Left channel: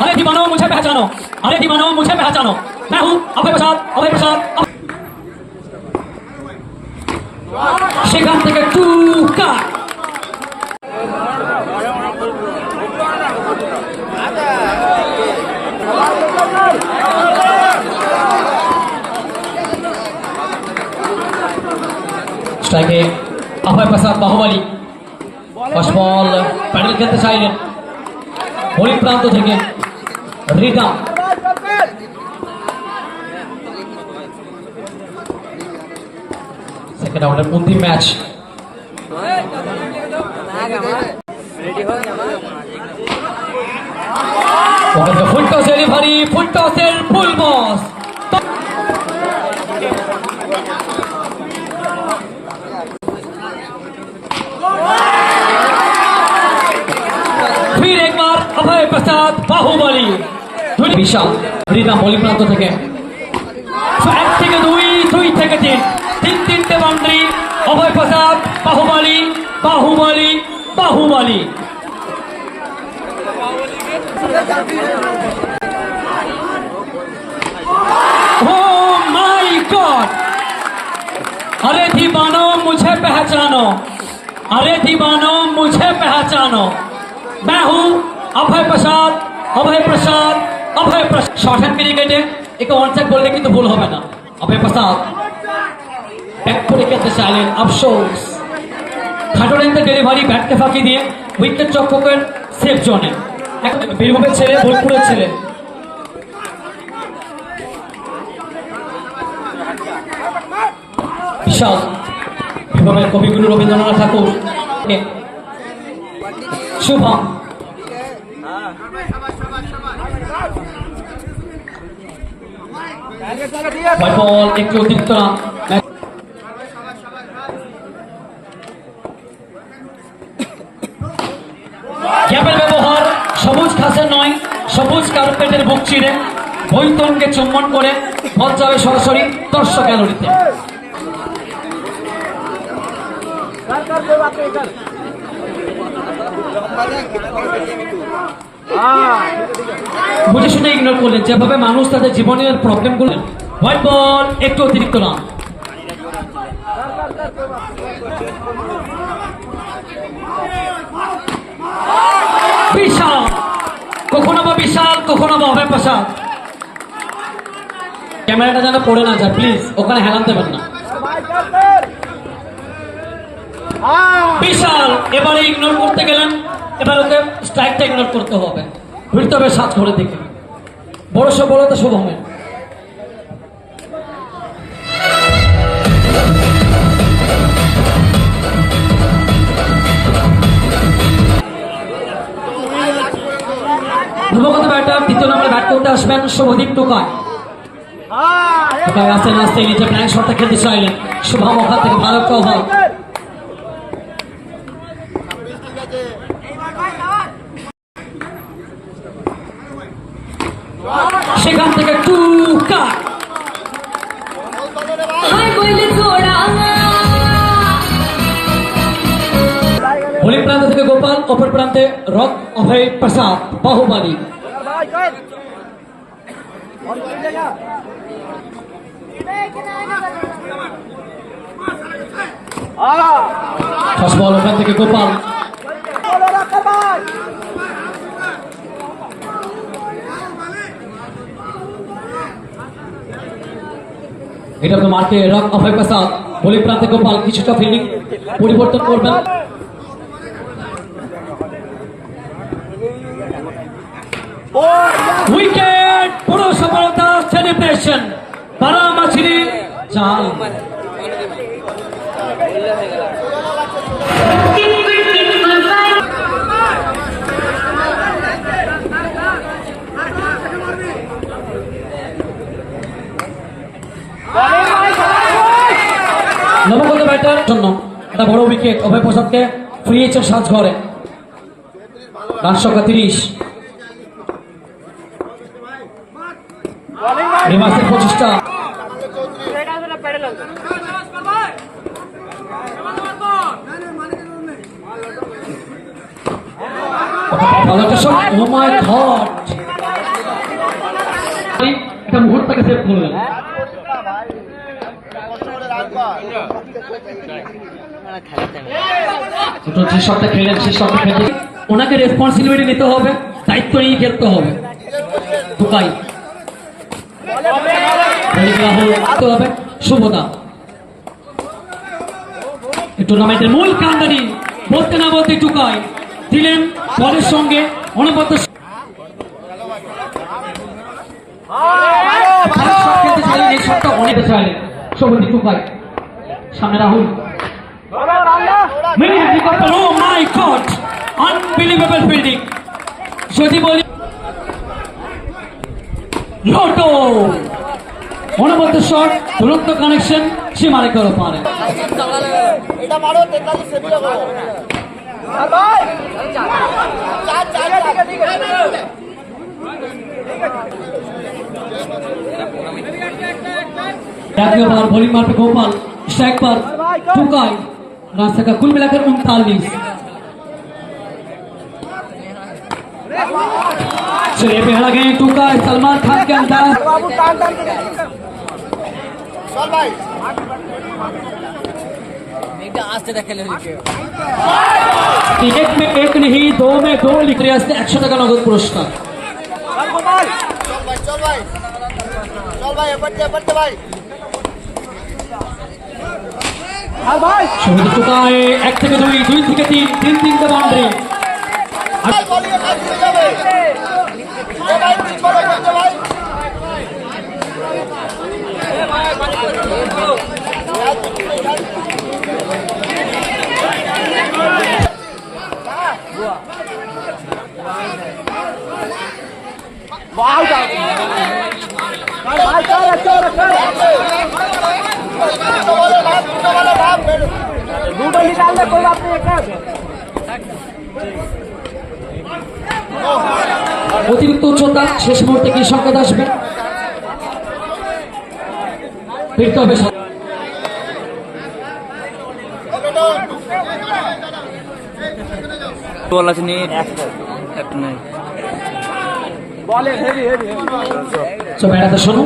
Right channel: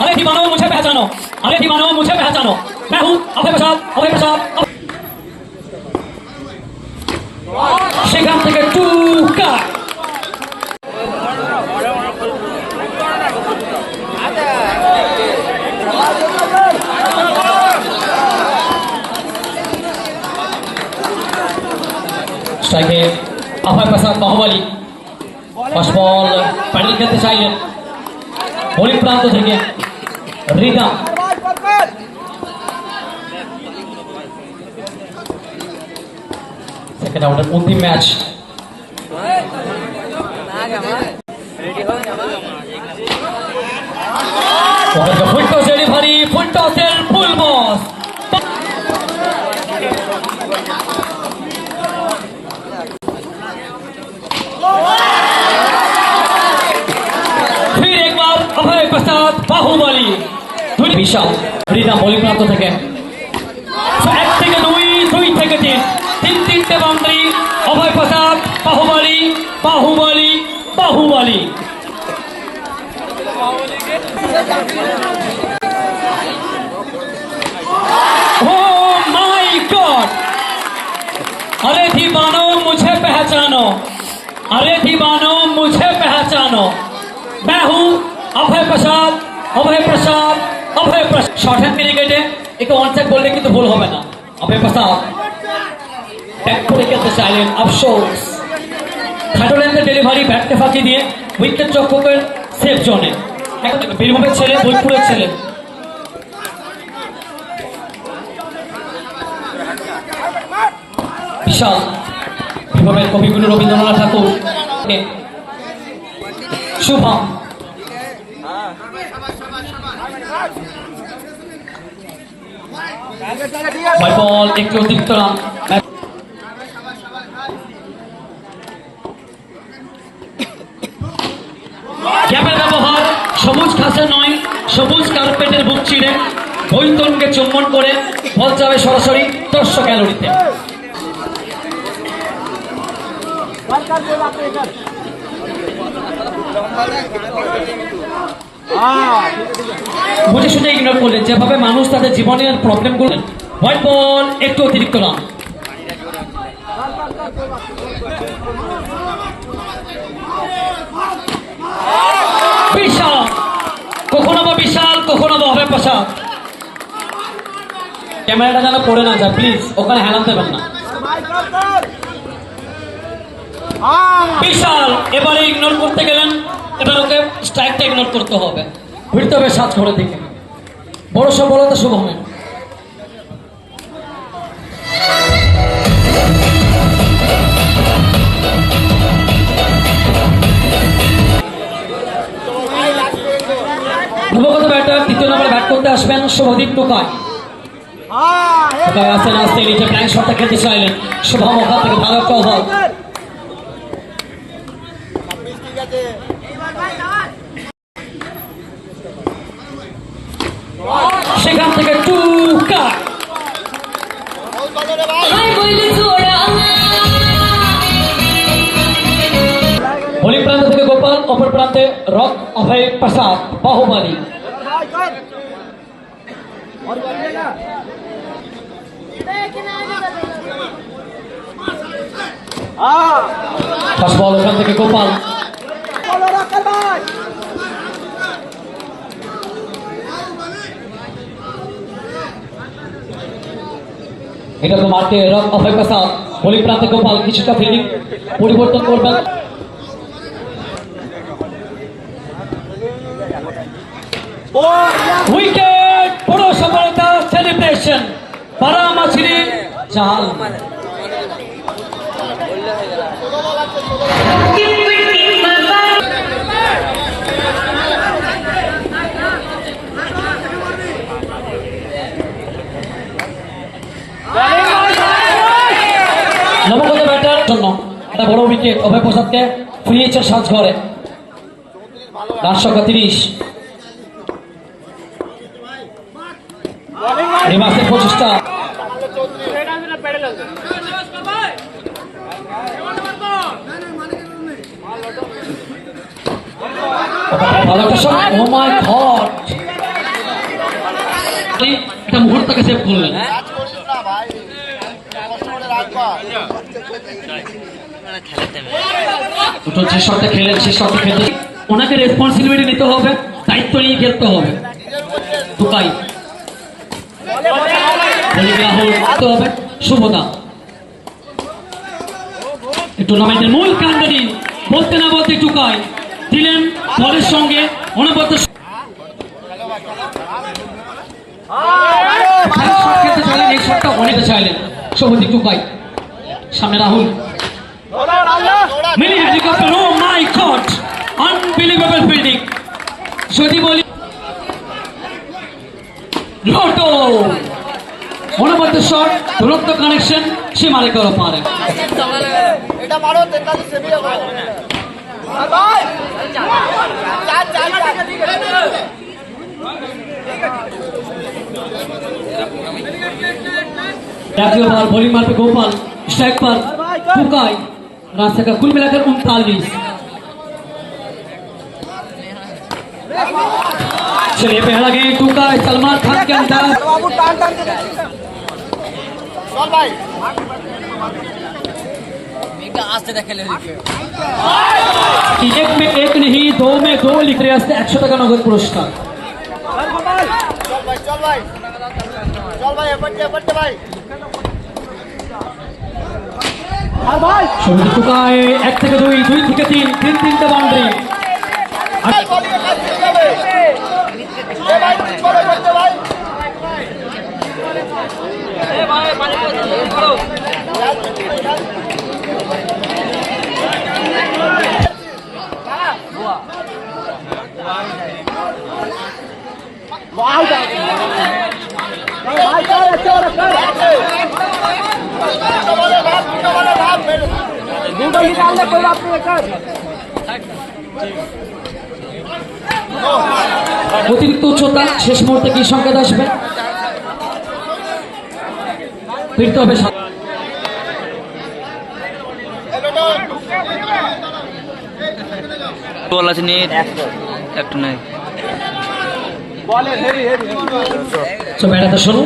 अरे दीवानो मुझे पहचानो, अरे दीवानो मुझे पहचानो, मैं हूँ अभय प्रसाद, अभय प्रसाद। সেখান থেকে টুকা স্ট্রাইকে Abhay Prasad Bahubali first ball paddle খেলতে চাইলেন বোলিং প্রান্ত থেকে রিদম সেকেন্ড আউটের অন্তিম match full toss delivery full টসের ফুল বস फिर एक बार अभय प्रसाद बाहुबली विशाल রিদম বোলিং প্রান্ত থেকে এক থেকে দুই দুই থেকে তিন তিনটে boundary Abhay Prasad Bahubali Bahubali Bahubali Oh my God! अरे दीवानो मुझे पहचानो, अरे दीवानो मुझे पहचानो, मैं हूँ अभय प्रसाद, अभय प्रसाद, अभय प्रसाद। शॉर्ट हैंड क्रिकेटे एक वन साइड बोलने की तो भूल होगा ना। अभय प्रसाद बैक पर खेलते चाइलेन अफसोस খাটো লেন্থে ডেলিভারি ব্যাটকে ফাঁকি দিয়ে উইকেট রক্ষকের সেফ জোনে বীরভূমের ছেলে বোলপুরের ছেলে বিশাল বীরভূমের কবিগুরু রবীন্দ্রনাথ ঠাকুর শুভম বল একটু অতিরিক্ত রান ক্যাপের ব্যবহার সবুজ ঘাসের নয় সবুজ কার্পেটের বুক চিড়ে বৈতরণকে চুম্বন করে বল যাবে সরাসরি 100 ক্যালোরিতে বুঝে শুনে ইগনোর করলেন যেভাবে মানুষ তাদের জীবনের প্রবলেম করলেন হোয়াইট বল একটু অতিরিক্ত রান বিশাল কখনো বা বিশাল কখনো বা অভয় প্রসাদ ক্যামেরাটা যেন পড়ে না যায় প্লিজ ওখানে হেলান দেবেন না বিশাল এবারে ইগনোর করতে গেলেন এবার ওকে স্ট্রাইকটা ইগনোর করতে হবে ঘুরতে হবে সাত করে দিকে বড় সফলতা শুভ হবে নবগত ব্যাটার দ্বিতীয় নম্বরে ব্যাট করতে আসবেন শুভদীপ টোকাই টোকাই আসতে আসতে নিচে ব্যাঙ্ক শটটা খেলতে চাইলেন শুভম ওখান থেকে ভালো একটা ওভার সেখান থেকে টুকা বোলিং প্রান্ত থেকে গোপাল অপর প্রান্তে রক অভয় প্রসাদ বাহুবলী ফার্স্ট বল ওখান থেকে গোপাল এটা তো মাঠে রক অভয় প্রসাদ বোলিং প্রান্তে গোপাল কিছুটা ফিল্ডিং পরিবর্তন করবেন উইকেট বড় সফলতা সেলিব্রেশন পাড়া মাছিরি চাল নবগত ব্যাটার জন্য একটা বড় উইকেট অভয় প্রসাদকে ফিরিয়েছেন সাজ ঘরে রান সংখ্যা 30 রিমাসের প্রচেষ্টা ভালো একটা শট। ও মাই গড, এটা মুহূর্তকে সেভ করলেন। যে শটটা খেলেন সেই শটটা খেলতে ওনাকে রেসপন্সিবিলিটি নিতে হবে, দায়িত্ব নিয়ে খেলতে হবে। টুকাই হবে শুভদা টুর্নামেন্টের মূল কান্ডারি বলতে না বলতে টুকাই দিলেন দলের সঙ্গে অনবদ্য খেলতে চাইলেন, এই শটটা অনেকটা চাইলেন শুভদী টুকাই। সামনে Rahul, many helicopter, oh my god, unbelievable fielding. যদি বলি লোটো অনবদ্য শট, তুরন্ত কানেকশন, সীমারে করে পারেন। এটা মারো 43 সেভি হবে ভাই জাতীয় বল বোলিং मार पे गोपाल, स्ट्राइक पर टुकाई, रास्ते का कुल मिलाकर 39। चलिए पहला गेम टुकाई, सलमान खान के अंदाज। बाबू टान टान के चल भाई एक में एक नहीं, दो में दो लिख रहे हैं। 100 টাকা नगद पुरस्कार। चल गोपाल, चल भाई चल भाई चल भाई बच्चे भाई আর ভাই শুরু টুকাই 1 থেকে 2, 2 থেকে 3, 3-3টা বাউন্ডারি। वाह भाई कर दूटा निकाल ले, कोई बात नहीं कर। অতিরিক্ত উচ্চতা, শেষ মুহূর্তে কি সংকেত আসবে ফিরতে হবে। বল আছে নি একটা নাই বলে হেভি বেড়াতে শুরু